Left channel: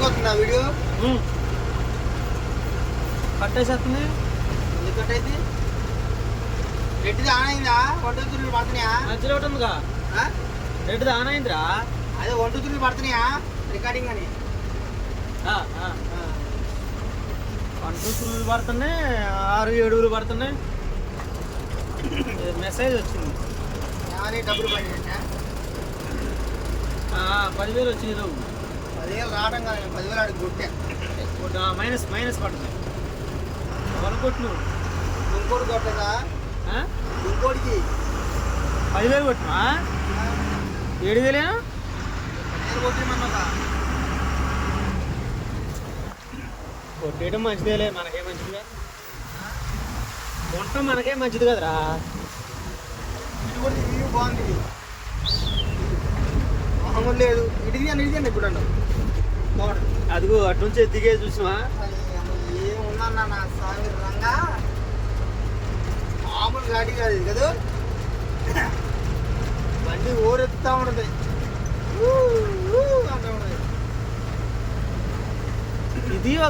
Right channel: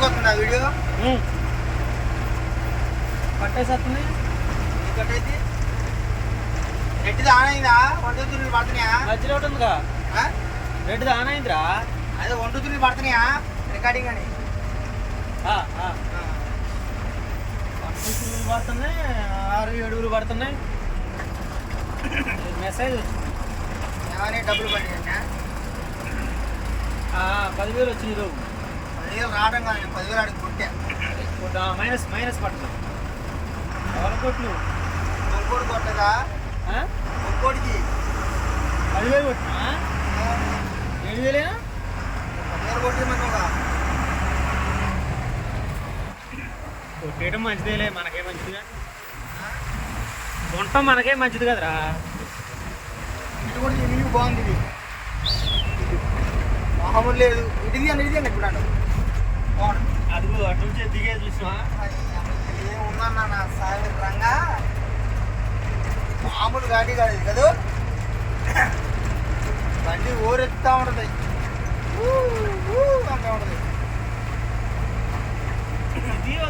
కరెక్ట్గా వస్తుందా వీడియో? కట్టేసేస్తుంది. ఇది కట్టేది రెడ్డిది ఆన్ అయిందా? 1 2 3 పడుతున్నాయా? మధ్యలో ఒకటి ఉందిగా రెడ్డిది ఆన్ అయిందిరా. అదే 1 2 3 పడుతున్నాయా రికార్డింగ్ అని? 1 2 3 పడుతున్నాయి, 6 7 పడుతున్నాయి. మెసేజ్ వచ్చింది. ఏమని డబ్బులు పడినా? 10,000 వచ్చింది. 10,000 రావడం కానీ 10,000 అడిగి కొట్టా. మైనస్ పడుతుంది. ఎవరు కొట్టు? ఇంకోటి కొట్టదా? ఇంకోటికి 10,000 కొట్టినా 7,000. నేను కొట్టిమన్నాగా. కొట్టేయడం మంచిదేలే, మనకే మంచిదిగా. ఉండటం మనకే మంచిది కదరా. ఇటు కూడా ఇది బాగుంది. ఇది మామూలు లేదు. ఇటుది అని ఇది అండి ఇప్పుడు అన్న బాగుంది. అదిగో అటు నుంచి దిగే చూసినా ఏముందన్న నా సాగరంగా మామూలు గాడి కాదు ఇది కదా. బండి ఓరెత్తా ఉంటుంది.